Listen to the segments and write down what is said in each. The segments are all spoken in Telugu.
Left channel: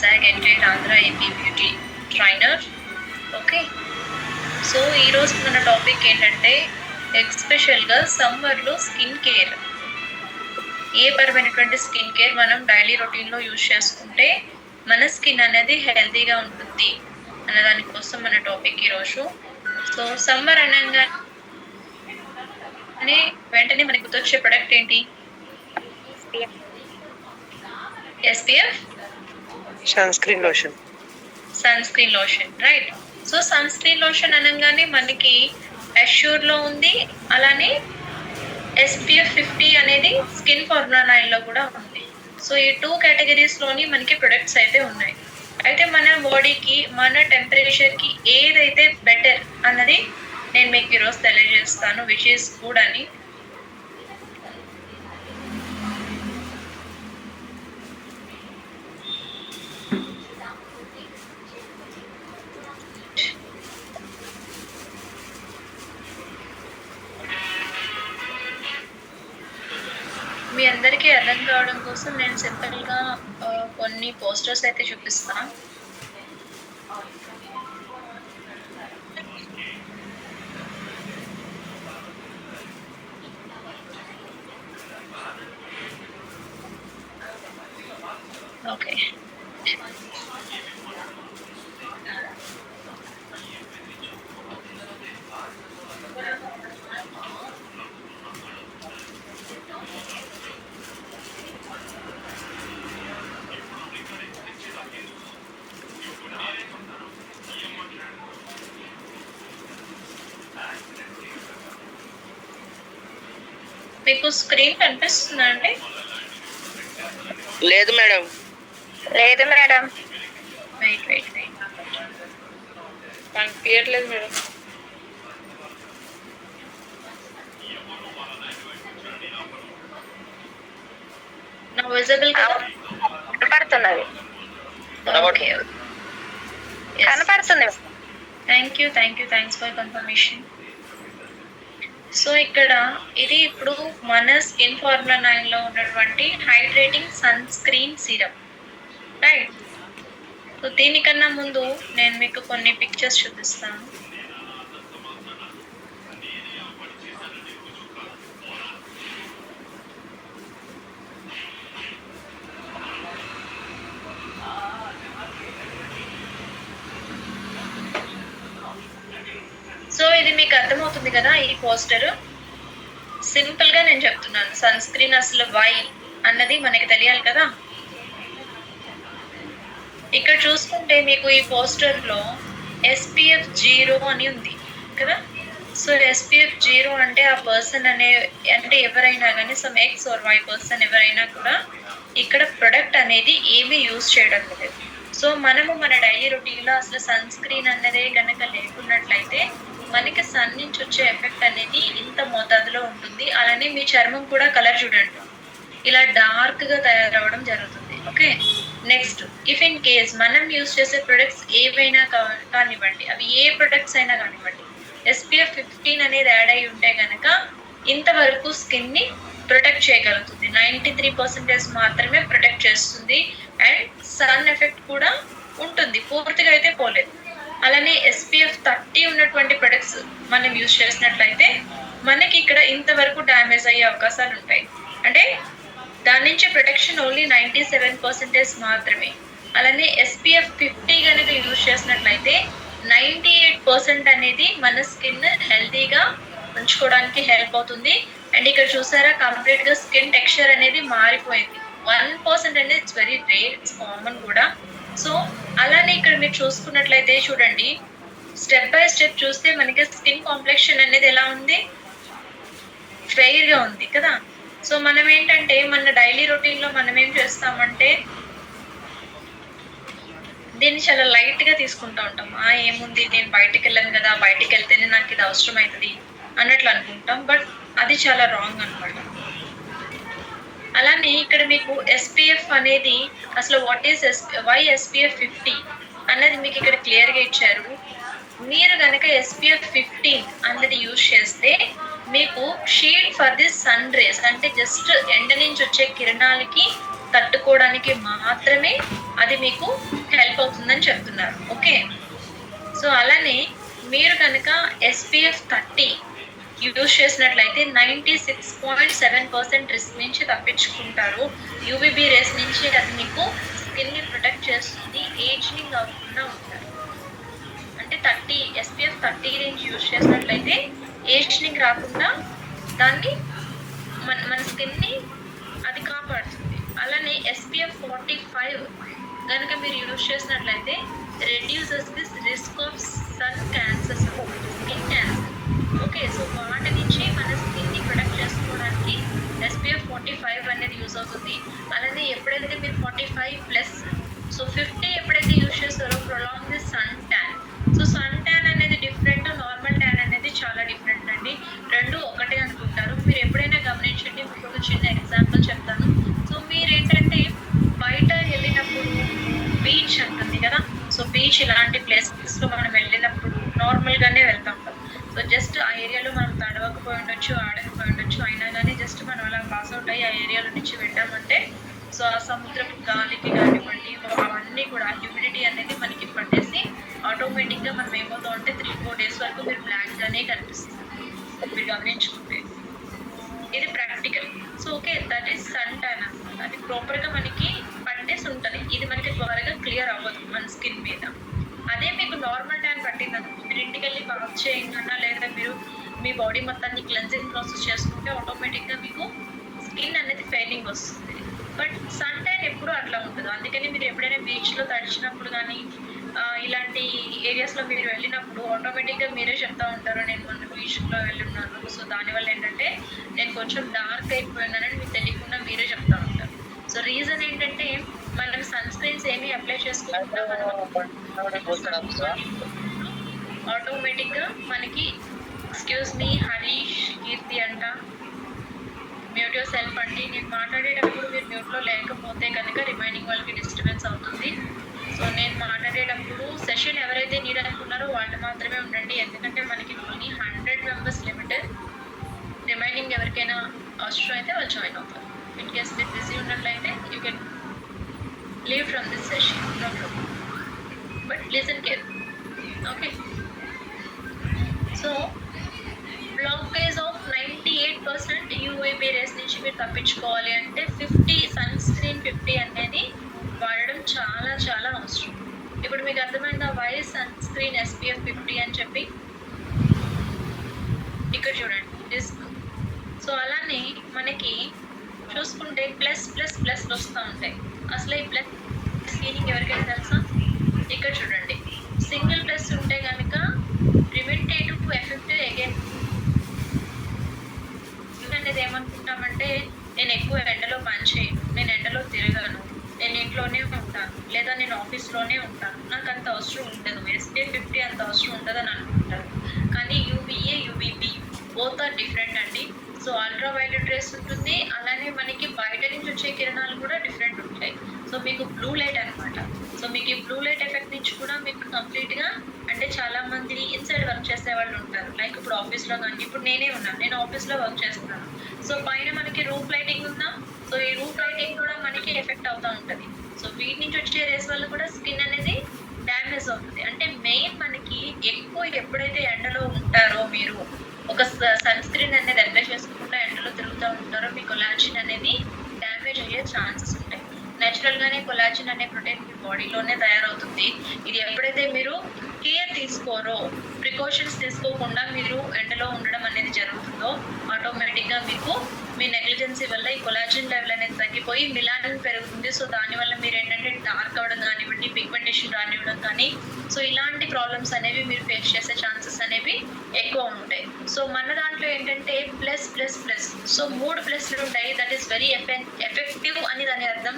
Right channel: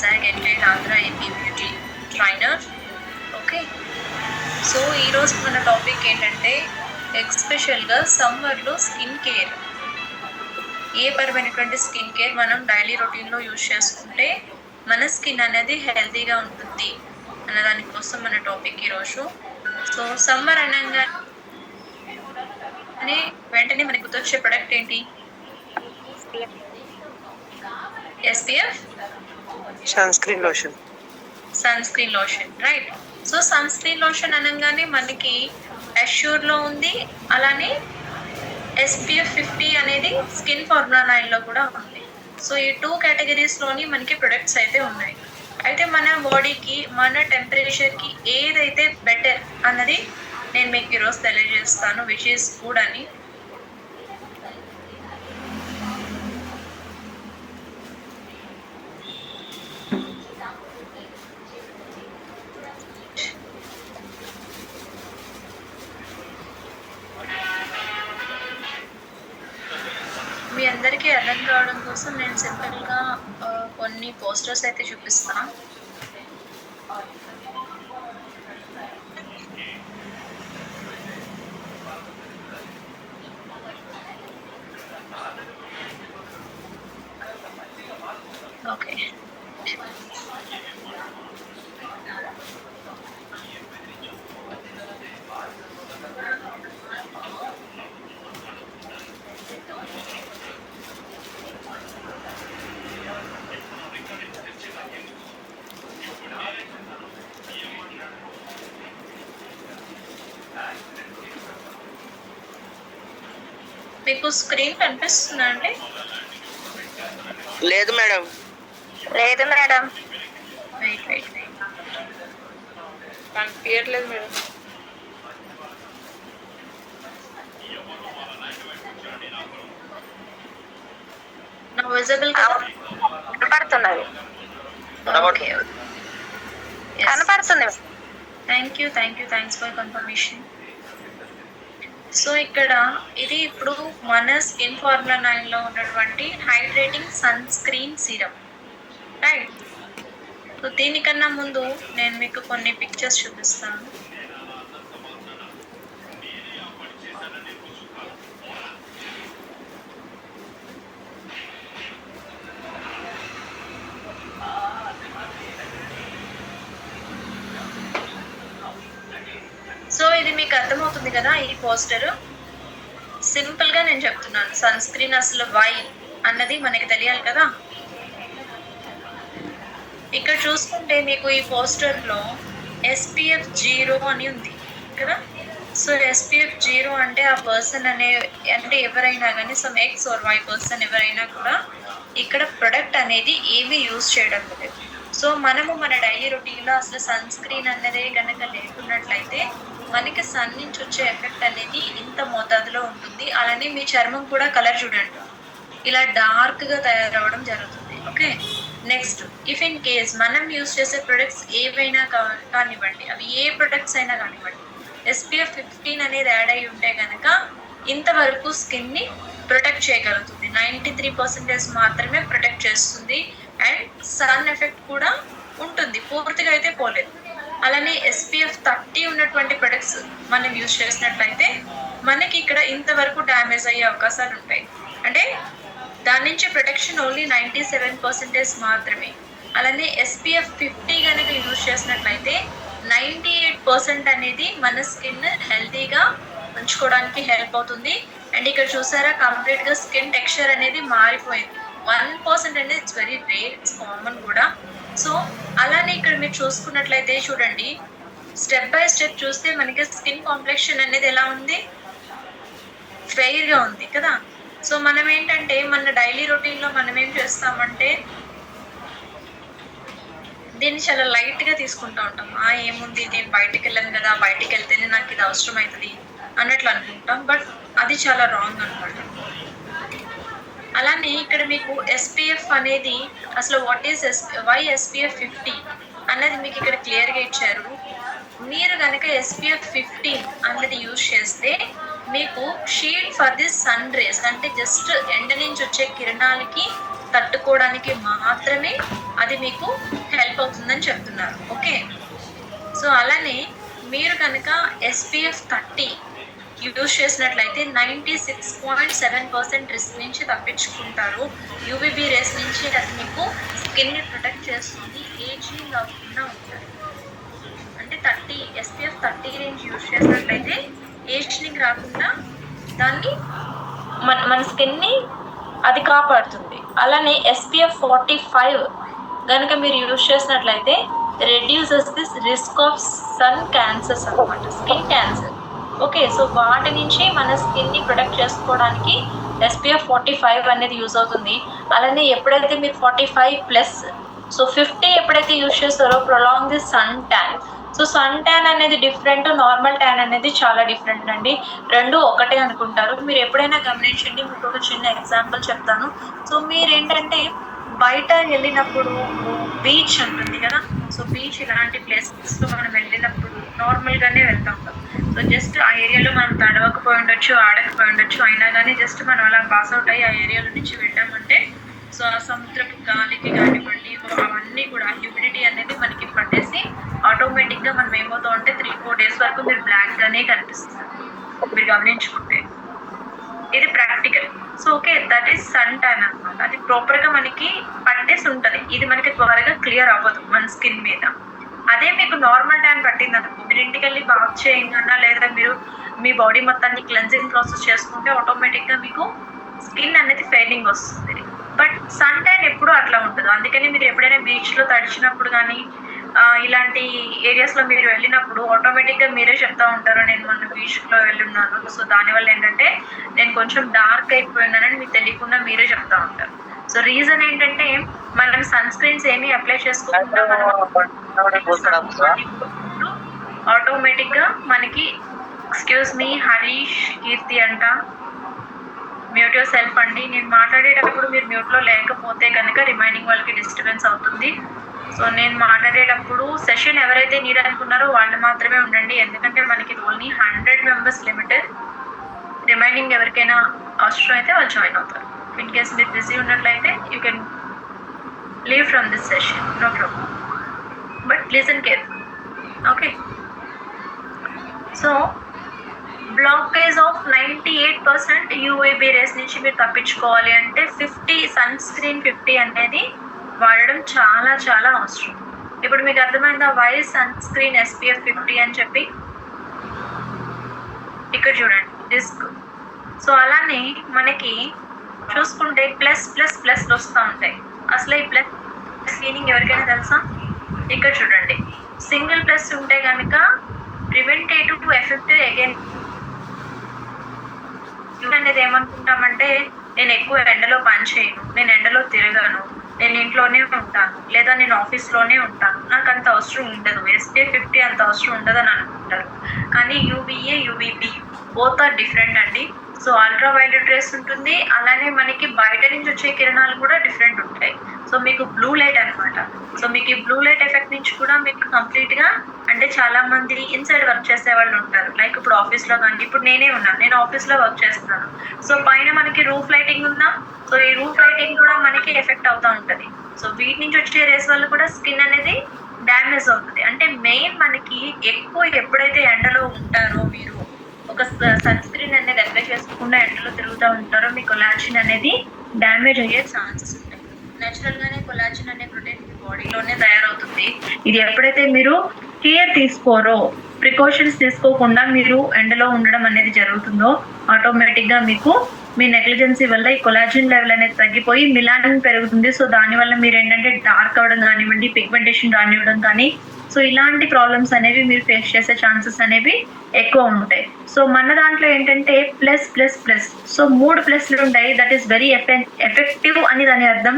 SAG Entire Andhra AP Beauty Trainer. Okay, so ఈరోజు మన టాపిక్ ఏంటంటే ఎస్పెషల్గా సమ్మర్లో స్కిన్ కేర్. ఏ పరమైనటువంటి స్కిన్ కేర్ మనం డైలీ రొటీన్లో యూజ్ చేసుకుంటే మన స్కిన్ అనేది హెల్తీగా ఉంటుంది అన్న దానికోసం మన టాపిక్ ఈరోజు. సో సమ్మర్ అనగానే వెంటనే మనకు గుర్తొచ్చే ప్రొడక్ట్ ఏంటి? SPF sunscreen lotion, right. So sunscreen lotion అనగానే మనకి అష్యూర్ లో ఉంది, అలానే SPF 50 అనేది స్కిన్ ఫార్ములా 9 లో కూడా ఉంది. సో ఈ 2 కేటగిరీస్ లోని మనకి ప్రొడక్ట్స్ అయితే ఉన్నాయి. అయితే మన బాడీకి, మన టెంపరేచర్ కి ఏదైతే బెటర్ అన్నది నేను మీకు ఈరోజు తెలియజేస్తాను, విచ్ ఈస్ గుడ్ అని. మీ అందరికీ అర్థం కావడం కోసం నేను సింపుల్గా కొన్ని పోస్టర్స్ అయితే చూపిస్తాను. ఓకే, మీకు స్క్రీన్ కనిపిస్తుందా అండి? లేదు మేడం. వెయిట్ కనిపించట్లేదు మేడం. నా విజిబుల్ కనపడుతున్నది. ఓకే, కనపడుతుంది. Thanks for confirmation. సో ఇక్కడ ఇది ఇప్పుడు మన స్కిన్ ఫార్ములా 9 లో ఉన్నటువంటి hydrating sunscreen syrup, right. So దీనికన్నా ముందు నేను మీకు కొన్ని పిక్చర్స్ చూపిస్తాను. సో ఇది మీకు అర్థమవుతుంది కదా, ఈ పోస్టర్ సింపుల్ గా నేను చెప్తున్నాను. సన్ స్క్రీన్ అసలు వై అన్నది మనకి తెలియాలి కదా. ఇక్కడ చూసుకుంటే మీకు ఈ పోస్టర్ లో SPF 0 అని ఉంది కదా. సో SPF 0 అంటే ఆ పర్సన్ అంటే ఎవరైనా కానీ some X or Y person ఎవరైనా కూడా ఇక్కడ ప్రొడక్ట్ అనేది ఏమీ యూజ్ చేయడం లేదు. సో మనము మన డైలీ రొటీన్లో అసలు సన్ స్క్రీన్ అన్నదే కనుక లేకున్నట్లయితే మనకి సన్ నుంచి వచ్చే ఎఫెక్ట్ అనేది ఇంత మోతాదులో ఉంటుంది. అలానే మీ చర్మం కూడా కలర్ చూడండి, ఇలా డార్క్ గా తయారవడం జరుగుతుంది. Okay, next, if in case మనం యూజ్ చేసే ప్రొడక్ట్స్ ఏవైనా కానివ్వండి, అవి ఏ ప్రొడక్ట్స్ అయినా కానివ్వండి, SPF 15 అనేది యాడ్ అయి ఉంటే కనుక ఇంతవరకు స్కిన్ ని ప్రొటెక్ట్ చేయగలుగుతుంది. 93% మాత్రమే ప్రొటెక్ట్ చేస్తుంది. అండ్ సన్ ఎఫెక్ట్ కూడా ఉంటుంది, పూర్తిగా అయితే పోలేదు. అలానే SPF 30 ఉన్నటువంటి ప్రొడక్ట్స్ మనం యూజ్ చేసినట్లయితే మనకి ఇక్కడ ఇంతవరకు డ్యామేజ్ అయ్యే అవకాశాలు ఉంటాయి. అంటే దాని నుంచి ప్రొటెక్షన్ ఓన్లీ 97% మాత్రమే. అలానే SPF 50 కనుక యూజ్ చేసినట్లయితే 98% అనేది మన స్కిన్ హెల్తీగా ఉంచుకోవడానికి హెల్ప్ అవుతుంది. అండ్ ఇక్కడ చూసారా, కంప్లీట్ గా స్కిన్ టెక్స్చర్ అనేది మారిపోయింది. 1% అనేది it's very rare, it's common కూడా. సో అలానే ఇక్కడ మీరు చూసుకున్నట్లయితే చూడండి, స్టెప్ బై స్టెప్ చూస్తే మనకి స్కిన్ కాంప్లెక్షన్ అనేది ఎలా ఉంది, ఫెయిర్ గా ఉంది కదా. సో మనం ఏంటంటే మన డైలీ రొటీన్ లో మనం ఏం చేస్తామంటే దీన్ని చాలా లైట్ గా తీసుకుంటూ ఉంటాం. ఏముంది, నేను బయటికి వెళ్ళాను కదా, బయటికి వెళ్తేనే నాకు ఇది అవసరం అవుతుంది అన్నట్లు అనుకుంటాం. బట్ అది చాలా రాంగ్ అనమాట. అలానే ఇక్కడ మీకు SPF అనేది అసలు వాట్ ఈస్ వై SPF 50 అన్నది మీకు ఇక్కడ క్లియర్ గా ఇచ్చారు. మీరు కనుక SPF 15 అన్నది యూజ్ చేస్తే మీకు shield for this sun rays, అంటే జస్ట్ ఎండ నుంచి వచ్చే కిరణాలకి తట్టుకోవడానికి మాత్రమే అది మీకు హెల్ప్ అవుతుందని చెప్తున్నారు. ఓకే, సో అలానే మీరు కనుక SPF 30 యూజ్ చేసినట్లయితే 96.7% రిస్క్ నుంచి తప్పించుకుంటారు. యూవీబీ రేస్ నుంచి అది మీకు స్కిన్ని ప్రొటెక్ట్ చేస్తుంది, ఏజింగ్ అవ్వకుండా ఉంటారు. అంటే 30 SPF 30 రేంజ్ యూజ్ చేసినట్లయితే ఏజింగ్ రాకుండా దాన్ని మన స్కిన్ని అది కాపాడుతుంది. అలానే SPF 45 కనుక మీరు యూజ్ చేసినట్లయితే reduces this risk of sun cancers అనమాట, స్కిన్ క్యాన్సర్. ఓకే, సో వాటి నుంచి మన స్కిన్ని ప్రొటెక్ట్ చేసుకోవడానికి SPF 45 అనేది యూజ్ అవుతుంది. అలానే ఎప్పుడైతే మీరు 45+, సో 50 ఎప్పుడైతే యూజ్ చేస్తారో prolong the sun tan. So sun tan అనేది డిఫరెంట్, నార్మల్ ట్యాన్ అనేది చాలా డిఫరెంట్ అండి. రెండు ఒకటే అనుకుంటారు. మీరు ఎప్పుడైనా గమనించండి, మీకు ఒక చిన్న ఎగ్జాంపుల్ చెప్తాను. సో మీరేంటంటే బయట వెళ్ళినప్పుడు బీచ్ ఉంటుంది కదా, సో బీచ్ ఇలాంటి ప్లేసెస్లో మనం వెళ్ళినప్పుడు నార్మల్గానే వెళ్తూ ఉంటాం. సో జస్ట్ ఆ ఏరియాలో మనం తడవకపోయి ఉండొచ్చు, ఆడకపోయి ఉండొచ్చు, అయినా కానీ జస్ట్ మనం అలా పాస్ అవుట్ అయ్యి ఆ ఏరియాలో నుంచి వెళ్ళామంటే సో ఆ సముద్రపు గాలికి కానివ్వండి అవన్నీ కూడా హ్యూమిడిటీ అనేది మనకి పట్టేసి ఆటోమేటిక్గా మనం ఏమవుతాం అంటే 3-4 డేస్ వరకు మీరు బ్లాక్గానే కనిపిస్తారు మీరు గమనించుకుంటే. ఇది practical. So okay, that is sun tan అనమాట. అది ప్రాపర్గా మనకి పట్టేసి ఉంటుంది, ఇది మనకి త్వరగా క్లియర్ అవ్వదు మన స్కిన్ మీద. అదే మీకు నార్మల్ ట్యాన్ పట్టింది అనుకో, మీరు ఇంటికి వెళ్ళి బాత్ చేయకుండా లేదా మీరు మీ బాడీ మొత్తాన్ని క్లెన్జింగ్ ప్రాసెస్ చేసుకుంటే ఆటోమేటిక్గా మీకు స్కిన్ అనేది ఫెయిలింగ్ వస్తుంది. బట్ సన్ ట్యాన్ ఎప్పుడు అట్లా ఉంటుంది. అందుకని మీరు ఎప్పుడైనా బీచ్లో తడిచినప్పుడు కానీ ఇలాంటి ఏరియాస్లో మీరు వెళ్ళినప్పుడు ఆటోమేటిక్గా మీరే చెప్తా ఉంటారు, నేను మొన్న బీచ్లో వెళ్ళున్నాను, సో దానివల్ల ఏంటంటే నేను కొంచెం డార్క్ అయిపోయినానని మీకు తెలియకుండా మీరే చెప్తా ఉంటారు. సో రీజన్ ఏంటంటే మనం సన్ స్క్రీన్స్ ఏమీ అప్లై చేసుకోకుండా ఆటోమేటిక్గా మనకి ఎక్స్క్యూజ్ మీ హరీష్ కీర్తి అంట, మ్యూట్ యువర్ సెల్ఫ్ అండి. నేను మాట్లాడేటప్పుడు మీరు మ్యూట్లో లేకపోతే కనుక రిమైనింగ్ వాళ్ళకి డిస్టర్బెన్స్ అవుతుంది. సో నేను మాట్లాడేటప్పుడు సెషన్ ఎవరైతే నీడ్ అనుకున్నారో వాళ్ళు మాత్రమే ఉండండి, ఎందుకంటే మనకి ఓన్లీ 100 మెంబర్స్ లిమిట్. రిమైనింగ్ ఎవరికైనా అవసరం అయితే వాళ్ళు జాయిన్ అవుతారు. ఇన్ కేస్ మీరు బిజీ ఉన్నట్లయితే you can leave from this session, no problem, but listen careful. Okay, so blockage of 98% UVB rays నుంచి మీరు తప్పించుకోవాలి అంటే 50 సన్ స్క్రీన్ 50 అనేది వాడడం చాలా చాలా అవసరం. ఇప్పుడు మీకు అర్థమైందా వై సన్ స్క్రీన్ SPF 50 అని చెప్పి? ఇక్కడ చూడండి రిస్క్. సో అలానే మనకి చూసుకుంటే ప్లస్ ప్లస్ ప్లస్ వస్తూ ఉంటాయి. అసలు ఈ ప్లస్ మీనింగ్ ఎవరికైనా తెలుసా? ఇక్కడ చూడండి, సింగిల్ ప్లస్ ఉంటే కనుక ప్రివెంటేటివ్ ఎఫెక్టివ్ అగైన్ అనేది ఏమనుకుంటామంటే నేను ఎక్కువ ఎండలో పని చేయను, నేను ఎండలో తిరగను, నేను ఇంట్లోనే ఉంటాను లేదా నేను ఆఫీస్లోనే ఉంటాను, నాకు అంత అవసరం ఉండదు, SPF 50 అంత అవసరం ఉండదు అని అనుకుంటారు. కానీ UVA UVB both are different అండి. సో అల్ట్రా వైలెట్ రేస్ ఉంటుంది, అలానే మనకి బయట నుంచి వచ్చే కిరణాలు కూడా డిఫరెంట్ ఉంటాయి. సో మీకు బ్లూ లైట్ అనమాట. సో మీకు ఈ బ్లూ లైట్ ఎఫెక్ట్ నుంచి కూడా మీకు కంప్లీట్గా అంటే చాలా మంది ఇన్సైడ్ వర్క్ చేసే వాళ్ళు ఉంటారు. లైక్ ఇప్పుడు ఆఫీస్లో కానీ, ఇప్పుడు నేనే ఉన్నాను, నేను ఆఫీస్లో వర్క్ చేస్తున్నాను. సో పైన మనకి రూఫ్ లైటింగ్ ఉందా, సో ఈ రూఫ్ లైటింగ్ కూడా మనకి ఎఫెక్ట్ అవుతూ ఉంటుంది. సో వీటి నుంచి వచ్చే రేస్ వల్ల కూడా స్కిన్ అనేది డ్యామేజ్ అవుతుంది. అంటే మెయిన్ మనకి ఎక్కువ ఎప్పుడైతే ఎండలో ఉంటారో, మీరు ఒక సన్ స్క్రీన్ అనేది అప్లై చేసుకోకుండా ఎండలో తిరుగుతూ ఉంటారో మీ కొలాజిన్ అనేది డ్యామేజ్ అయ్యే ఛాన్సెస్ ఉంటాయి. నేచురల్గానే కొలాజిన్ అనే ప్రోటీన్ మీ బాడీలోనే తయారవుతుంది. ఇది ఎప్పుడైతే మీరు కేర్ తీసుకోరో, ప్రికాషన్స్ తీసుకోకుండా మీరు ఎండలో ఉండడం అనేది జరుగుతుందో ఆటోమేటిక్గా మీకు మీ నెగ్లిజెన్సీ వల్ల ఈ కొలాజిన్ లెవెల్ అనేది తగ్గిపోయి మిలానిన్ పెరుగుతుంది. సో దానివల్ల మీరు ఏంటంటే డార్క్ అవ్వడం కానివ్వండి, పిగ్మెంటేషన్ రానివ్వడం కానీ, సో ఇలాంటి ప్రాబ్లమ్స్ అనేవి మీరు ఫేస్ చేసే ఛాన్సెస్ అనేవి ఎక్కువ ఉంటాయి. సో మన దాంట్లో ఏంటంటే ప్లస్ ప్లస్ ప్లస్, సో 3 ప్లస్లు ఉంటాయి. దట్ ఈస్ వెరీ ఎఫెక్టివ్ అని దాని అర్థం.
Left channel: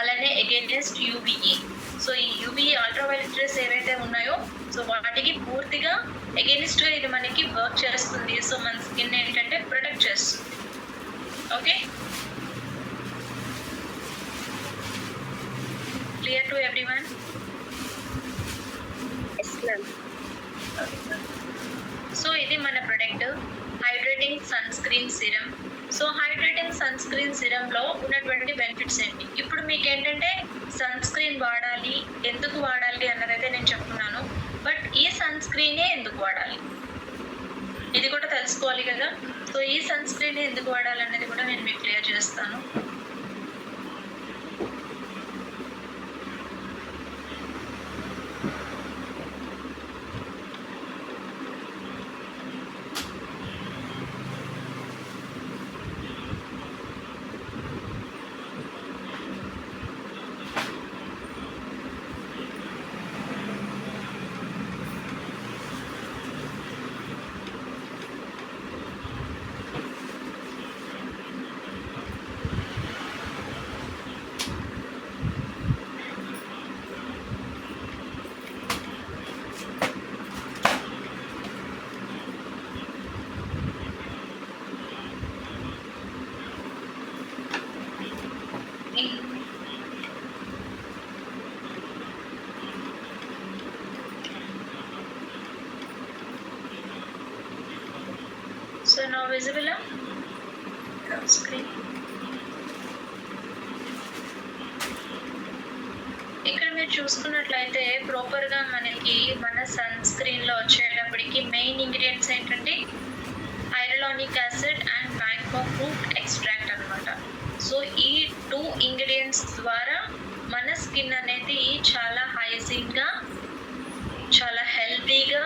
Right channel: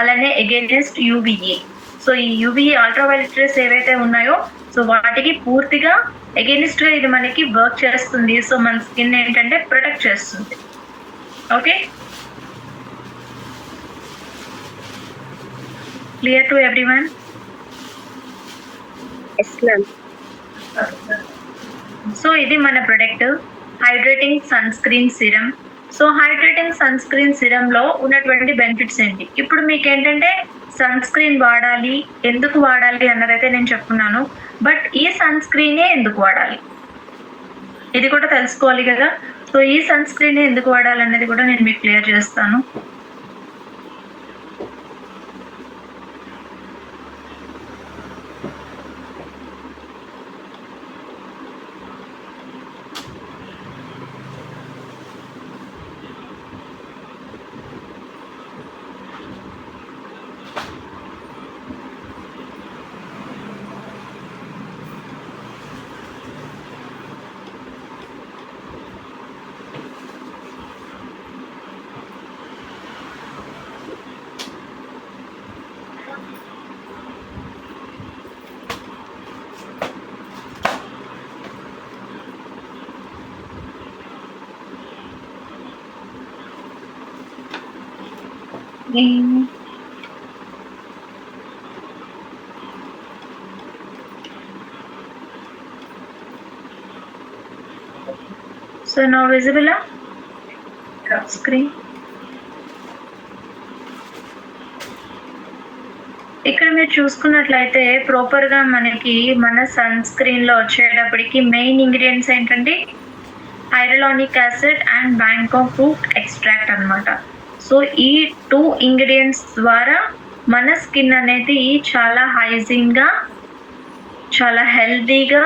అలానే అగైనెస్ట్ UVA. సో ఈ UVA అల్ట్రావైలెట్ రేస్ ఏవైతే ఉన్నాయో సో వాటికి పూర్తిగా అగైనెస్ట్గా ఇది మనకి వర్క్ చేస్తుంది. సో మన స్కిన్ ఏంటంటే ప్రొటెక్ట్ చేస్తుంది. Okay, clear to everyone? So ఇది మన product hydrating sunscreen serum. So hydrating sunscreen సిరమ్లో ఉన్నటువంటి బెనిఫిట్స్ ఏంటి? ఇప్పుడు మీకు ఏంటంటే సన్ స్క్రీన్ వాడాలి, ఎందుకు వాడాలి అన్నదైతే నేను చెప్పుకున్నాను. బట్ ఈ సన్ స్క్రీనే ఎందుకు వాడాలి ఇది కూడా తెలుసుకోవాలి కదా. సో ఈ సన్ స్క్రీనే ఎందుకు వాడాలి అన్నది కూడా నేను మీకు క్లియర్ చేస్తాను. So now visible screen. ఇక్కడ మీరు చూసుకున్నట్లయితే ప్రాపర్ గా మనకి మన సన్ స్క్రీన్ లో వచ్చేటప్పటికి మెయిన్ ఇంగ్రీడియంట్స్ ఏంటంటే hyaluronic acid and Bangkok fruit extract అన్నమాట. సో ఈ 2 ఇంగ్రీడియంట్స్ ద్వారా మన స్కిన్ అనేది చాలా హైజీన్ గా, చాలా హెల్తీగా,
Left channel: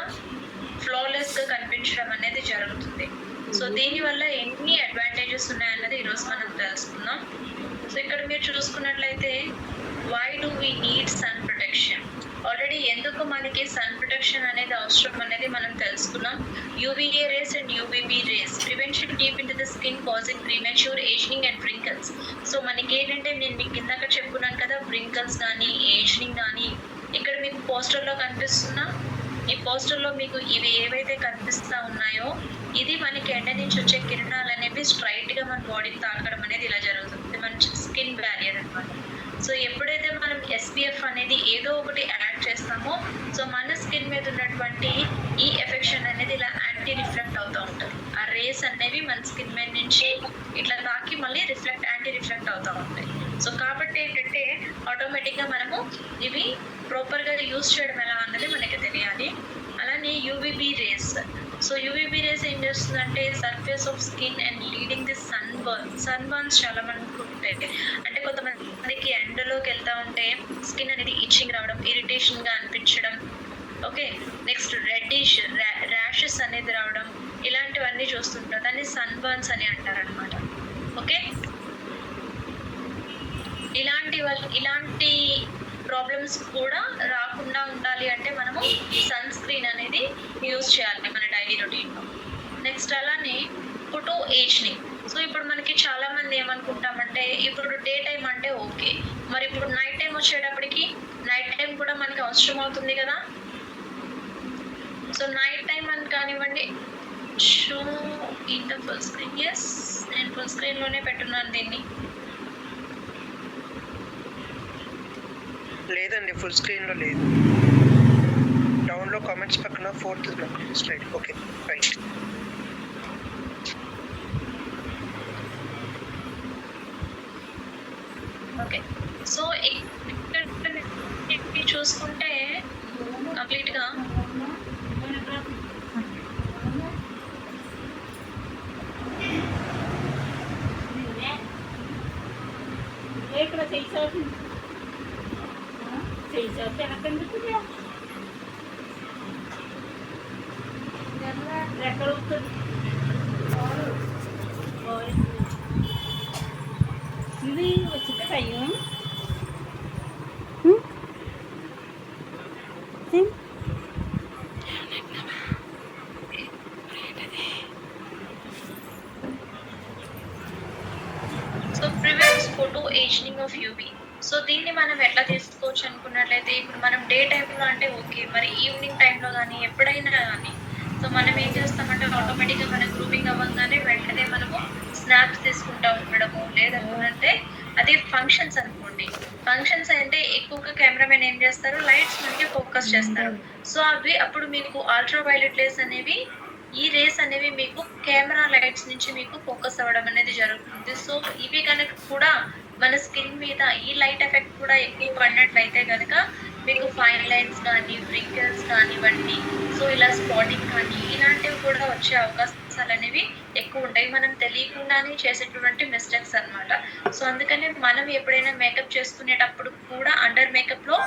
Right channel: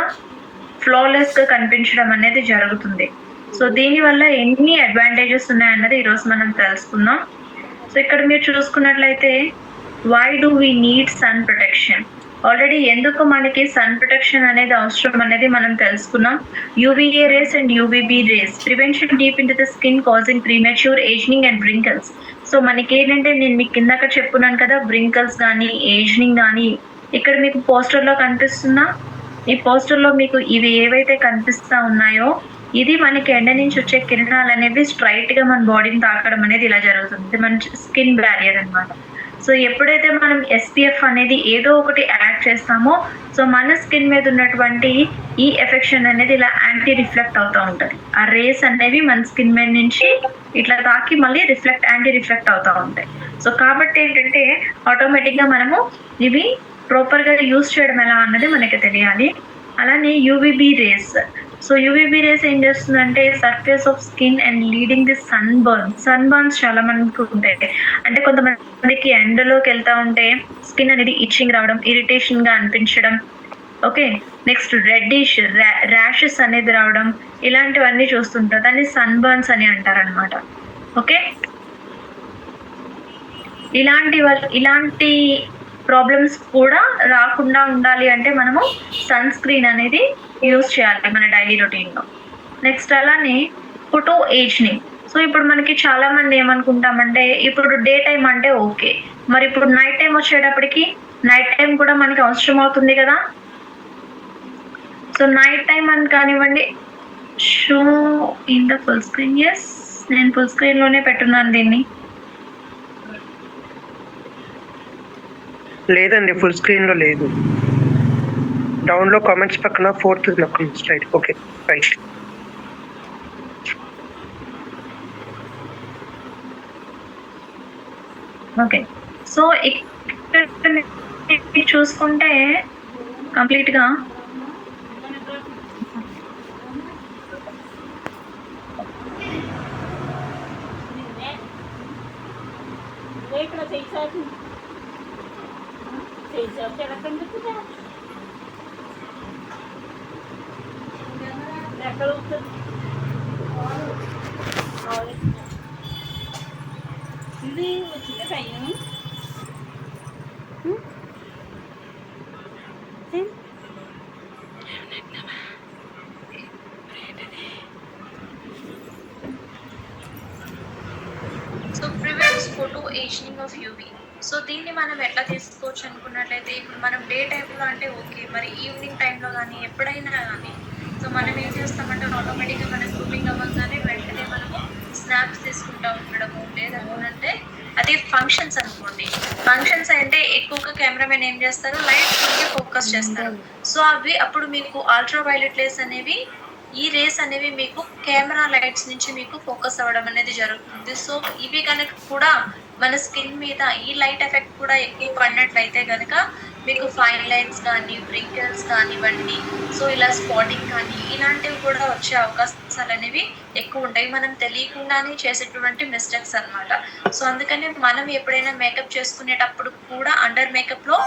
ఫ్లాలెస్ గా కనిపించడం అనేది జరుగుతుంది. సో దీనివల్ల ఎన్ని అడ్వాంటేజెస్ ఉన్నాయన్నది ఈరోజు మనం తెలుసుకుందాం. సో ఇక్కడ మీరు చూసుకున్నట్లయితే why do we need sun protection. Already ఎందుకు మనకి సన్ ప్రొటెక్షన్ అనేది అవసరం అనేది మనం తెలుసుకున్నాం. UVA rays and UVB rays prevention deep into the skin causing premature ageing and wrinkles. So మనకి ఏంటంటే నేను మీకు కిందక చెప్పుకున్నాను కదా, వ్రింకల్స్ కానీ ఏజింగ్ కానీ ఇక్కడ మీకు పోస్టర్లో కనిపిస్తుందా? ఈ పోస్టర్లో మీకు ఇవి ఏవైతే కనిపిస్తూ ఉన్నాయో ఇది మనకి ఎండ నుంచి వచ్చే కిరణాలు అనేవి స్ట్రైట్గా మన బాడీని తాకడం అనేది ఇలా జరుగుతుంది. మన స్కిన్ బ్యారియర్ అన్నమాట. సో ఎప్పుడైతే మనం ఎస్పీఎఫ్ అనేది ఏదో ఒకటి యాడ్ చేస్తామో సో మన స్కిన్ మీద ఉన్నటువంటి ఈ ఎఫెక్షన్ అనేది ఇలా యాంటీ రిఫ్లెక్ట్ అవుతూ ఉంటుంది. ఆ రేస్ అనేవి మన స్కిన్ మీద నుంచి ఇట్లా తాకి మళ్ళీ యాంటీ రిఫ్లెక్ట్ అవుతూ ఉంటాయి. సో కాబట్టి ఏంటంటే ఆటోమేటిక్గా మనము ఇవి ప్రాపర్గా యూజ్ చేయడం ఎలా అన్నది మనకి తెలియాలి. అలానే UVB rays. So UVB rays ఏం చేస్తుందంటే surface of skin and leading the sunburns చాలా మందికి ఉంటాయి. అంటే కొంతమందికి ఎండలోకి వెళ్తూ ఉంటే స్కిన్ అనేది ఇచ్చింగ్ రావడం, ఇరిటేషన్గా అనిపించడం, ఓకే, నెక్స్ట్ రెడ్డిష్ ర్యాషెస్ అనేది రావడం, ఇలాంటివన్నీ చూస్తుంటారు. దాన్ని సన్ బర్న్స్ అని అంటారనమాట. ఓకే, ఇలాంటి ప్రాబ్లమ్స్ కూడా రాకుండా ఉండాలి అంటే మనము సన్ స్క్రీన్ అనేది యూజ్ చేయాలి మన డైలీ రొటీన్లో. నెక్స్ట్ అలానే ఫోటో ఏజింగ్. సో ఇప్పుడు మనకి చాలా మంది ఏమనుకుంటామంటే ఇప్పుడు డే టైం అంటే ఓకే, మరి ఇప్పుడు నైట్ టైం వచ్చేటప్పటికి నైట్ టైం కూడా మనకి అవసరం అవుతుంది కదా. సో నైట్ టైం అని కానివ్వండి, show in the full screen. Yes, నేను ఫుల్ స్క్రీన్లోనే పెట్టున్నాను దీన్ని. లేదండి, ఫుల్ స్క్రీన్ లో లేదు. డౌన్ లో కామెంట్స్ పక్కన 4th నొక్కండి slide. Okay, right. Okay, so ఇక్కడ చూసుకుంటే కంప్లీట్గా ఎక్కడ ఉంటుంది ఇది వచ్చింది కయ్యం. So prevents photo ageing of UV. So దీన్ని మనం ఎట్లా తీసుకోవచ్చు అనుకున్నట్లయితే ఇప్పుడు మనం డే టైంలో అంటే ఓకే, మరి ఈవినింగ్ టైంలో కానీ ఎప్పుడైనా కానీ సో మనం ఏం చేస్తామంటే ఆటోమేటిక్గా మనం గ్రూమింగ్ అవ్వగానే వెంటనే మనము స్నాప్స్ తీసుకుంటూ ఉండడము, లేదనుకుంటే అదే ఫంక్షన్స్ అనుకోండి, ఫంక్షన్స్ అంటే ఎక్కువగా కెమెరామెన్ ఏం చేస్తారు, లైట్స్ మనకి ఫోకస్ చేస్తారు. సో అవి అప్పుడు మీకు అల్ట్రా వైలెట్ రేస్ అనేవి ఈ రేస్ అనేవి మీకు కెమెరా లైట్స్ నుంచి మీకు ఫోకస్ అవ్వడం అనేది జరుగుతుంది. సో, ఇవి గనక కూడా మన స్కిన్ మీద ఈ లైట్ ఎఫెక్ట్ కూడా ఎక్కువ పడినట్లయితే గనక మీకు ఫైన్ లైన్స్ కానీ, వ్రింకిల్స్ కానివ్వండి, సో ఇలా స్పాటింగ్ కానీ ఇలాంటివి కూడా వచ్చే అవకాశాలనేవి ఎక్కువుంటాయి. మనం తెలియకుండానే చేసేటువంటి మిస్టేక్స్ అన్నమాట. సో, అందుకని మనం ఎప్పుడైనా మేకప్ చేసుకునేటప్పుడు కూడా అండర్ మేకప్‌లో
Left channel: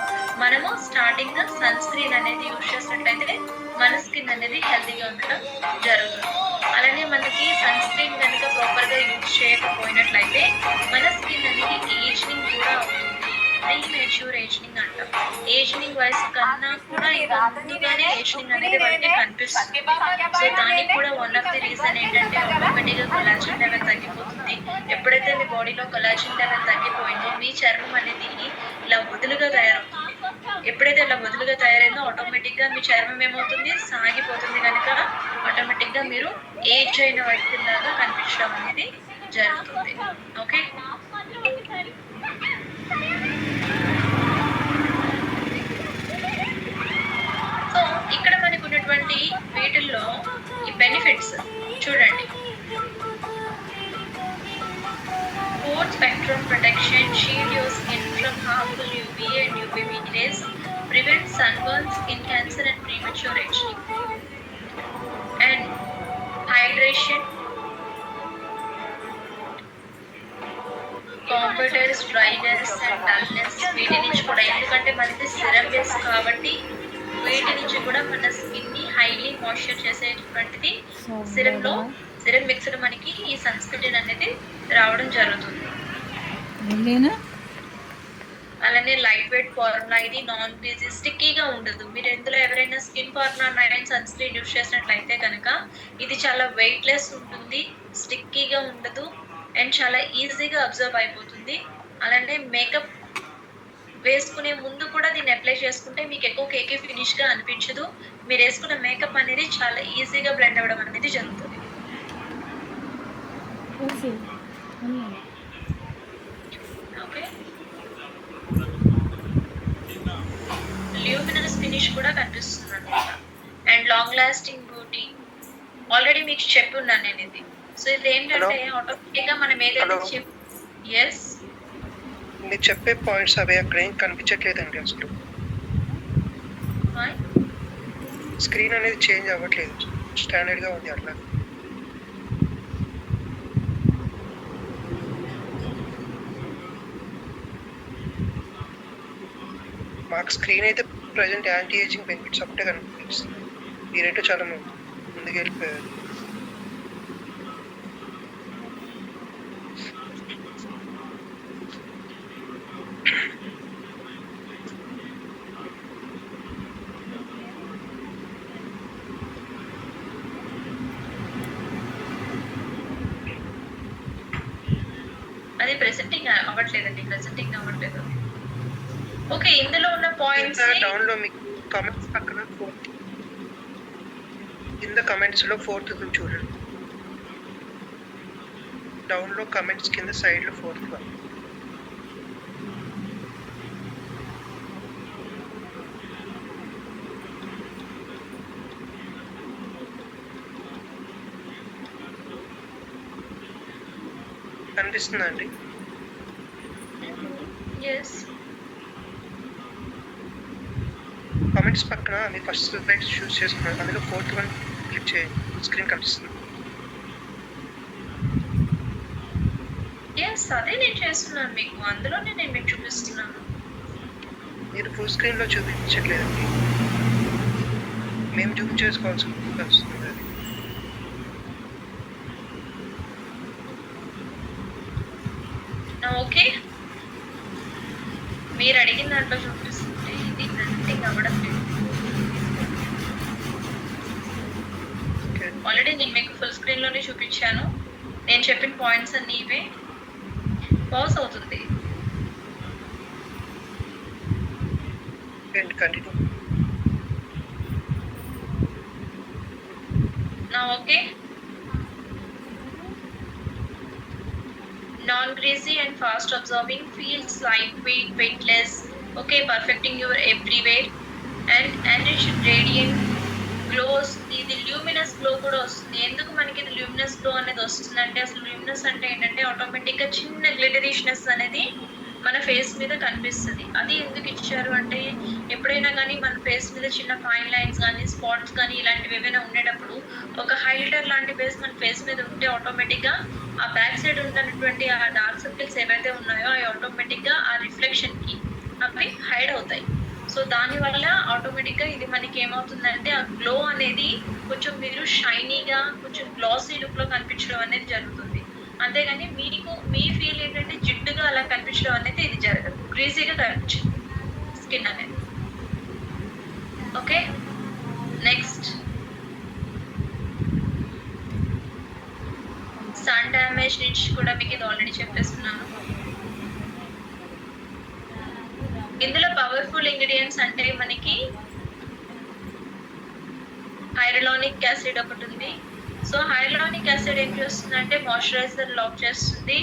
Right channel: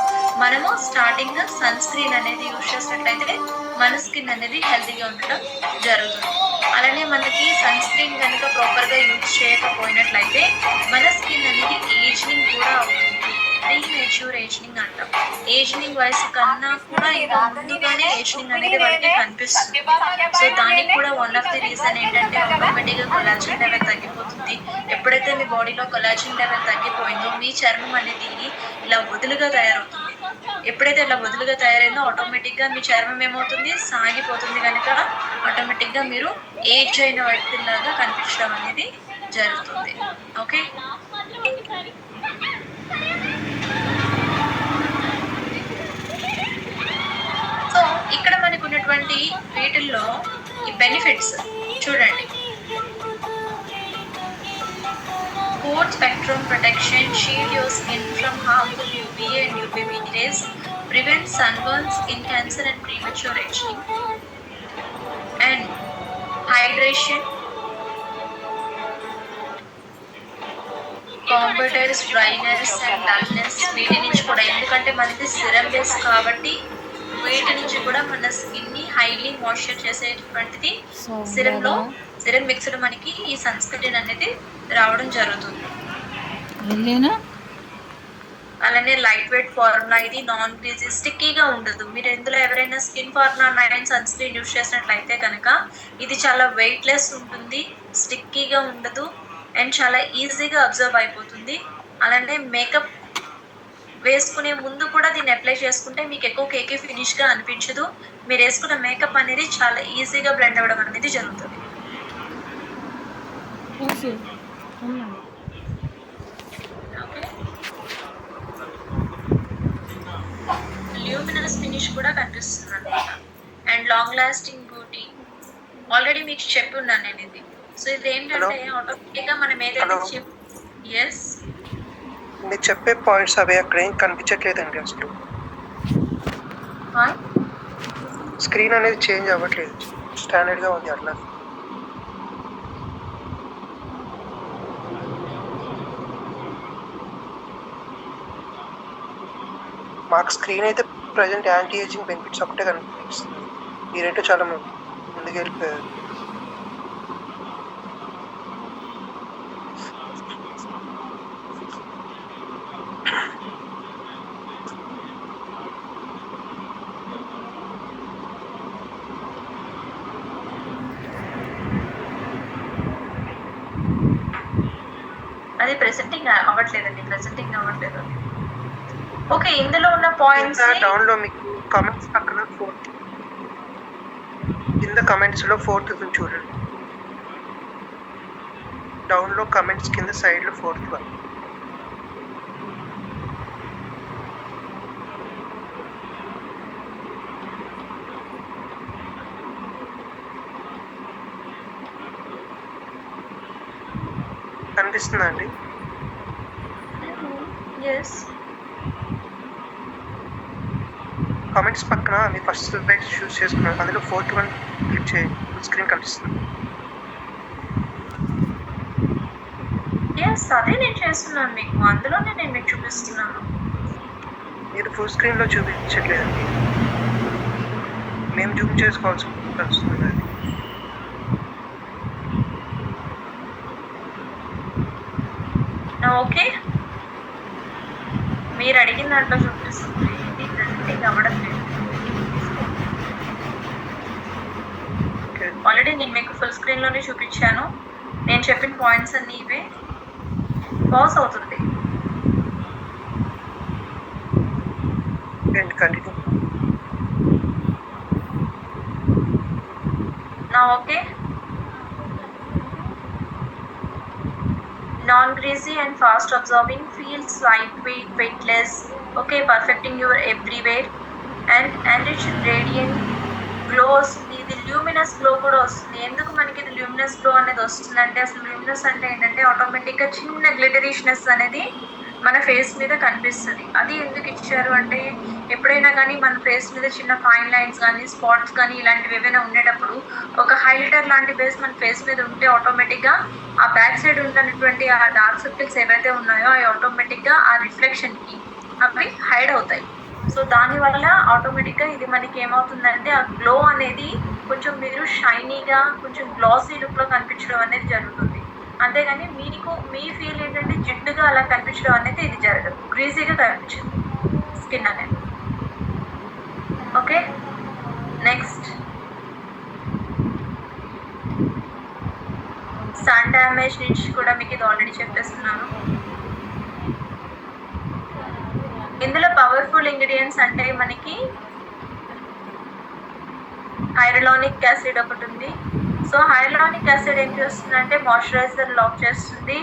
మనము స్టార్టింగ్ సన్ స్క్రీన్ అనేది యూజ్ చేసినట్లయితే మన స్కిన్ అనేది హెల్తీగా ఉండటం జరుగుతుంది. అలానే మనకి సన్ స్క్రీన్ గనుక ప్రాపర్‌గా యూజ్ చేయకపోయినట్లయితే మన స్కిన్ అనేది ఏజింగ్ కూడా అవుతుంది. ప్రీమెచ్యూర్ ఏజింగ్ అంటాం. ఏజింగ్ వయసు కన్నా కూడా ఇంకా ముందుగానే ఏజింగ్ అనేది వాళ్ళకి కనిపిస్తుంది. సో, దానికి కూడా వన్ ఆఫ్ ది రీజన్ ఏంటంటే ఆటోమేటిక్‌గా కొలాజన్ లెవెల్ తగ్గిపోతుంది. ఎప్పుడైతే మీ బాడీలో కొలాజన్ లెవెల్ తగ్గిపోయిందో మీ చర్మం అనేది ఇలా వదులుగా తయారవుతుంది. ఎప్పుడైతే ఇలా వదులుగా తయారైందో ఆటోమేటిక్‌గా మీ చర్మం ఏమవుతుంది? సాగిపోతుంది గనక ఆటోమేటిక్‌గా మీరు ఏజ్ అయిన వ్యక్తిలాగా కనిపించడం అనేది జరుగుతుంది. ఓకే. సో, ఇక్కడ మనకున్నటువంటి వీటిల్లో ఈ బెనిఫిట్స్ చూడండి. Broad spectrum protection, shield your skin from harmful UVA and UVB rays, prevent sunburn, skin cancer and premature aging. And hydration, combats dryness and dullness. వీటి నుంచి కూడా ఎందుకంటే మనది సిరం బేస్ కాబట్టి వీటి నుంచి కూడా మన స్కిన్ ని హైలీ మాయిశ్చర్ చేసేటువంటిది సిరం మిక్స్డ్ మనకి ఈ సన్ స్క్రీన్ అనేది రావడం జరుగుతుంది. అలానే లైట్ వెయిట్ ఫార్ములా, ఇది నాన్ గ్రీజీ, స్టిక్కీగా ఉండదు. మీరు ఇందులో ఎవరైనా skin formula 9 sunscreen use చేసినట్లయితే కనుక ఇది చాలా వెయిట్లెస్ ఉంటుంది, స్టిక్కీగా ఉండదు అండ్ చాలా ఈజీగా అబ్జర్వ్ అయిపోతుంది. అలానే మేకప్ వేసుకునే ముందు కూడా దీన్ని అప్లై చేసుకుంటే మీకు ఎక్కువ కేకీ ఫినిష్గా అనిపించదు. మీరు వేసుకున్న మేకప్ అనేది చాలా ఈజీగా బ్లెండ్ అవ్వడం అనేది జరుగుతుంది. ఓకే. ల్యూమినస్ ఫినిష్ కూడా కనిపిస్తుంది అనమాట. And long lasting beauty already మీకు చెప్పి ఉన్నాను నేను ఇది. సో ఇది ఏంటంటే ఆటోమేటిక్గా మనం ఏదైతే ఎస్ మీరు చెప్పే పాయింట్స్ అవి అక్కడ ఏం కనిపించట్లేదండి అసలు. స్క్రీన్ అనేది చేంజ్ అవ్వట్లేదు, స్టాండర్డ్గా ఉంది అట్లా. మాకు స్క్రీన్ అయితే ప్రజెంట్ యాంటీ ఏజింగ్ బెనిఫిట్స్ ఒకటే కనిపిస్తుంది. మీరేంటో చాలా ముందుకు వెళ్ళిపోయారు. అది ప్రెజెంటింగ్ అవ్వట్లేదు. ఓకే, ఇందులో ఉన్న పాయింట్స్ డౌన్ లో మీకు కామెంట్స్ పక్కన ఫోర్త్ కింద కామెంట్స్ లో ఫోర్త్ చూడండి. డౌన్ లో కామెంట్స్ కింద సైడ్ లో ఫోర్త్ వన్. కనిపిస్తుందా అండి? కామెంట్స్ పక్కన మీ ఫస్ట్ స్లైడ్ చూస్ చేసుకున్నాను, అందులో ఫోర్త్ వన్ క్లిక్ చేయండి, ఫుల్ స్క్రీన్ కనిపిస్తుంది. అదే నేను చేస్తున్నాను మీకు, అందులోనే నేను మీకు చూపిస్తున్నాను. మీరు ఫుల్ స్క్రీన్లో చూపించట్లేదు, మేము జూమ్ చేసుకోవాల్సి వస్తుంది. ఓకే, మీరు అడిగిన దాంట్లో చూపిస్తుంది, ఇది ప్రెజెంటింగ్ అవ్వడం ఆల్రెడీ నేను మీకు ఫుల్ స్క్రీన్లోనే చూపించాను. నేను చెప్పిన పాయింట్స్ అన్నీ ఇవే. పాస్ అవుతుంది. Okay, non-greasy and fast absorbing, feels lightweight, weightless. Okay, perfecting your everywhere and enriched radiant glow వస్తుంది, ఇది ల్యూమినస్ గ్లో కూడా వస్తుంది. ఎందుకు మనకి ఇది ల్యూమినస్ గ్లో అనేది వస్తుందంటే, అసలు ల్యూమినస్ అంటే ఏంటంటే ఆటోమేటిక్గా చిన్న గ్లిటరిష్నెస్ అనేది మన ఫేస్ మీద కనిపిస్తుంది. అది ఎందుకు ఇచ్చారు అంటే, ఎప్పుడైనా కానీ మన ఫేస్ మీద చిన్న ఫైన్ లైన్స్ కానీ స్పాట్స్ కానీ ఇలాంటివి ఏవైనా ఉండేటప్పుడు ఒక హైలైటర్ లాంటి బేస్ మన ఫేస్ మీద ఉంటే ఆటోమేటిక్గా ఆ బ్యాక్ సైడ్ ఉన్నటువంటి ఆ డార్క్ సర్కిల్స్ ఏవైతే ఉన్నాయో అవి ఆటోమేటిక్గా ఆ రిఫ్లెక్షన్కి అవి హైడ్ అవుతాయి. సో దానివల్ల ఆటోమేటిక్గా ఇది మనకి ఏమవుతుందంటే ఆ గ్లో అనేది కొంచెం మీరు షైనీగా కొంచెం గ్లాసీ లుక్లో కనిపించడం అనేది జరుగుతుంది. అంతేగాని మీకు మీ ఫీల్ ఏంటంటే జిడ్డుగా అలా కనిపించడం అనేది ఇది జరగదు, గ్రీజీగా కనిపించింది స్కిన్ అనేది. ఓకే, నెక్స్ట్ సన్ డ్యామేజ్ నుంచి కూడా మీకు ఇది ఆల్రెడీ చెప్పేస్తున్నాను. ఇందులో పవర్ఫుల్ ఇంగ్రీడియంట్స్ అంటే మనకి హైరలానిక్ యాసిడ్ ఒకటి ఉంది. సో హైరలానిక్ యాసిడ్ ఏం చేస్తుందంటే మాయిశ్చరైజర్ లాక్ చేస్తుంది.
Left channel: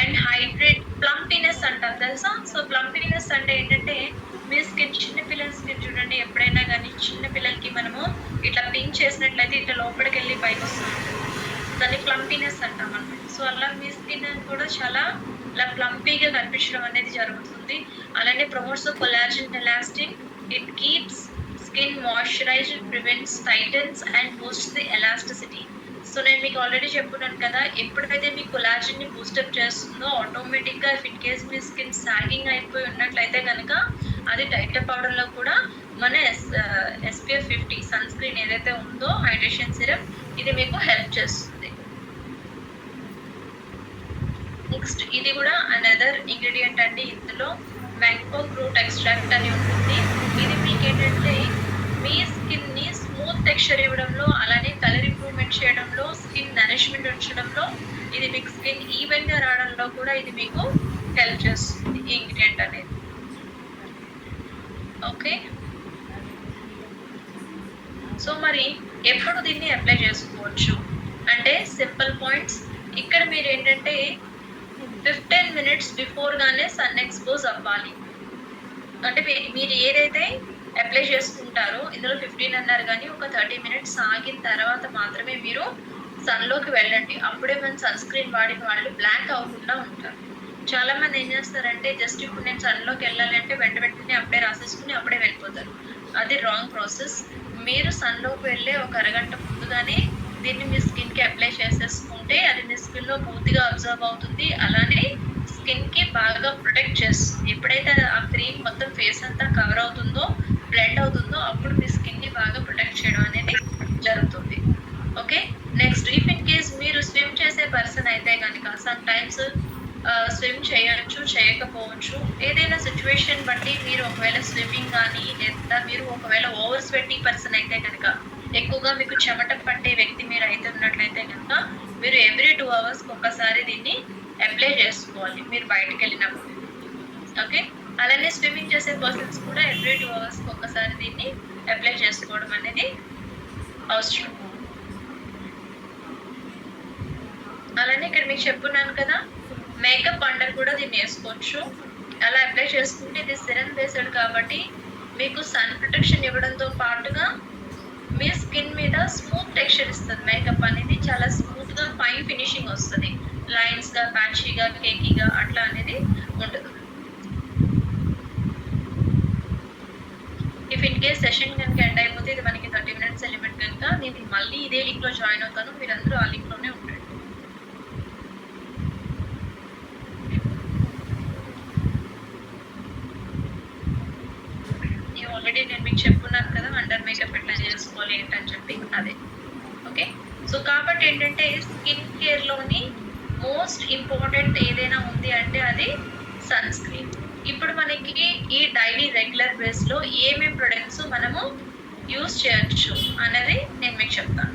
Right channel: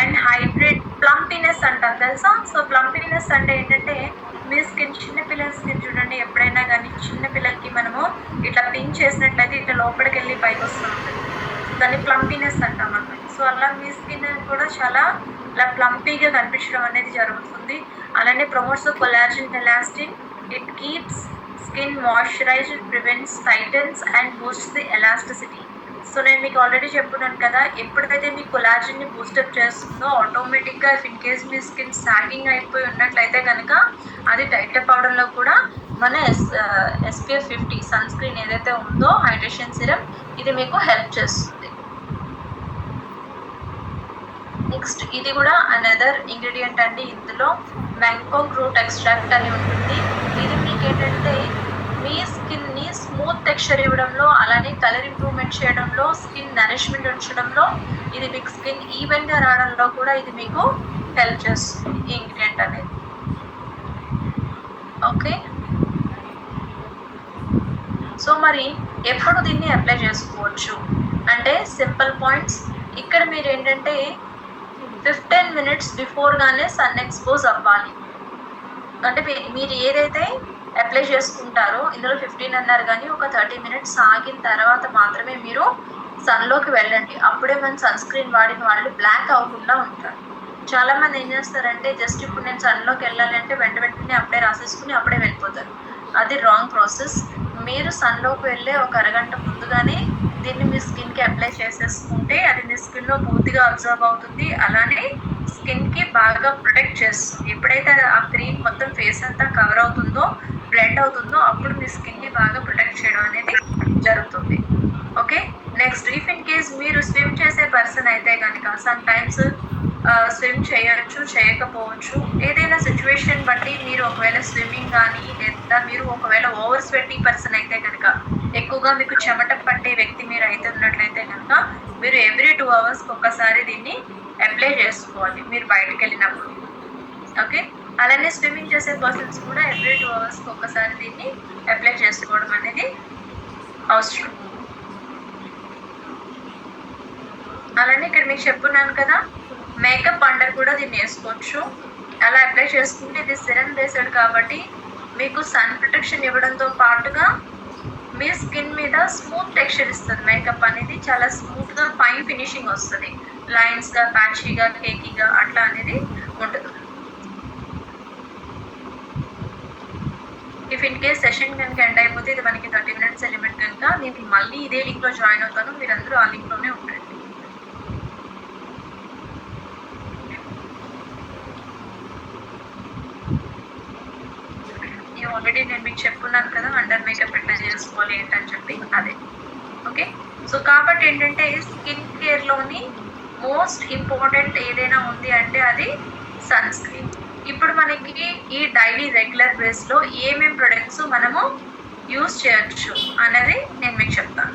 అండ్ హైడ్రేట్ ప్లంపీనెస్ అంటారు తెలుసా. సో ప్లంపీనెస్ అంటే ఏంటంటే మీ స్కిన్, చిన్నపిల్లల స్కిన్ చూడండి, ఎప్పుడైనా కానీ చిన్నపిల్లలకి మనము ఇట్లా పించ్ చేసినట్లయితే ఇట్లా లోపలికి వెళ్ళి పైకి వస్తూ ఉంటుంది, దాన్ని ప్లంపీనెస్ అంటాం అన్నమాట. సో అలా మీ స్కిన్ కూడా చాలా ఇలా ప్లంపీగా కనిపించడం అనేది జరుగుతుంది. అలానే promotes collagen elastin, it keeps skin moisturised, prevents Titans and boosts the elasticity. So నేను మీకు ఆల్రెడీ చెప్పున్నాను కదా, ఎప్పుడైతే మీ కొలాజన్ని బూస్టప్ చేస్తుందో ఆటోమేటిక్గా if in case me skin sagging అయిపోయి ఉన్నట్లయితే కనుక అది టైటప్ అవడంలో కూడా మన SPF 50 సన్ స్క్రీన్ ఏదైతే ఉందో హైడ్రేషన్ సిరం ఇది మీకు హెల్ప్ చేస్తుంది. నెక్స్ట్ ఇది కూడా అనదర్ ఇంగ్రీడియంట్ అండి. ఇందులో బ్యాంకాక్ రూట్ ఎక్స్ట్రాక్ట్ అని ఉంటుంది. ఇది మీకు ఏంటంటే మీ స్కిన్ని స్మూత్ టెక్స్చర్ ఇవ్వడంలో, అలానే కలర్ ఇంప్రూవ్మెంట్ చేయడంలో, స్కిన్ నరిష్మెంట్ ఉంచడంలో, ఇది మీకు స్కిన్ ఈవెన్గా రావడంలో కూడా ఇది మీకు హెల్ప్ చేస్తుంది ఈ ఇంగ్రీడియంట్ అనేది. ఓకే, సో మరి ఎప్పుడు దీన్ని అప్లై చేసుకోవచ్చు అంటే సింపుల్ పాయింట్స్. ఇక్కడ మీరు ఏంటంటే 15 minutes బిఫోర్గానే సన్ ఎక్స్పోజ్ అవ్వాలి. అంటే మీరు ఏదైతే అప్లై చేసుకుంటారో ఇందులో 15 అన్నారు, కానీ ఒక 30 minutes ఆగిన తర్వాత మాత్రమే మీరు సన్లోకి వెళ్ళండి. అప్పుడే మన సన్ స్క్రీన్ వాడిన వాళ్ళు బ్లాక్ అవ్వకుండా ఉంటారు. చాలామంది ఏం చేస్తారంటే జస్ట్ ఇప్పుడు నేను సన్లోకి వెళ్ళాలంటే వెంటనే అప్పుడే రాసేసుకుని అప్పుడే వెళ్ళిపోతారు. అది రాంగ్ ప్రాసెస్. మీరు సన్లోకి వెళ్ళే ఒక అరగంట ముందుగానే దీన్ని మీ స్కిన్కి అప్లై చేసేసుకుంటే అది మీ స్కిన్లో పూర్తిగా అబ్జర్వ్ అవుతుంది. అలానే స్కిన్కి బాగా ప్రొటెక్ట్ చేస్తుంది. ఎప్పుడైతే ఆ క్రీమ్ మొత్తం ఫేస్ అంతా కవర్ అవుతుందో, బ్లెండ్ అవుతుందో, అప్పుడు మీ స్కిన్ని బాగా ప్రొటెక్ట్ చేయడం అనేది జరుగుతుంది. Okay, next if in case మీరు స్విమ్ చేసే పర్సన్ అయితే కనుక సమ్ టైమ్స్ స్విమ్ చేయొచ్చు, చేయకపోవచ్చు. ఏదైనా సిచ్యువేషన్ బట్టి మీరు ఒకవేళ స్విమ్మింగ్ కానీ లేదా మీరు ఒకవేళ ఓవర్ స్వెట్టింగ్ పర్సన్ అయితే కనుక, ఎక్కువగా మీకు చెమట పట్టే వ్యక్తి మీరు అయితే ఉన్నట్లయితే కనుక మీరు ఎవ్రీ 2 hours ఒక్కసారి దీన్ని అప్లై చేసుకోవాలి మీరు బయటకు వెళ్ళినప్పుడు. ఓకే, అలానే స్విమ్మింగ్ చేసే పర్సన్స్ కూడా ఎవ్రీ 2 hours ఒక్కసారి దీన్ని అప్లై చేసుకోవడం అనేది అవసరం. అలానే ఇక్కడ మీకు చెప్పున్నాను కదా, మేకప్ అండర్ కూడా దీన్ని వేసుకోవచ్చు. అలా అప్లై చేసుకుంటే ఇది సిరం బేస్డ్ కాబట్టి మీకు సన్ ప్రొటెక్షన్ ఇవ్వడంతో పాటుగా మీ స్కిన్ మీద స్మూత్ టెక్స్చర్ ఇస్తుంది. మేకప్ అనేది చాలా స్మూత్గా ఫైన్ ఫినిషింగ్ వస్తుంది. లైన్స్గా, ప్యాచీగా, కేకీగా అట్లా అనేది ఉంటుంది. ఇఫ్ ఇన్ కేస్ సెషన్ కనుక ఎండ్ అయిపోతే ఇది మనకి 30 minutes లిమిట్ కనుక నేను మళ్ళీ ఇదే లింక్లో జాయిన్ అవుతాను. మీరందరూ ఆ లింక్లోనే ఉండండి. ఆల్రెడీ నేను మీకు చెప్పున్నాను కదా అండర్ మేకప్ ఎట్లా చేసుకోవాలి ఏంటని చెప్పి, అదే. ఓకే, సో కాబట్టి ఏంటంటే స్కిన్ కేర్లోని మోస్ట్ ఇంపార్టెంట్ ఏదైనా ఉంది అంటే అది సన్ స్క్రీన్. ఇప్పుడు మనకి ఈ డైలీ రెగ్యులర్ బేస్లో ఏమేమి ప్రొడక్ట్స్ మనము యూజ్ చేయొచ్చు అనేది నేను మీకు చెప్తాను.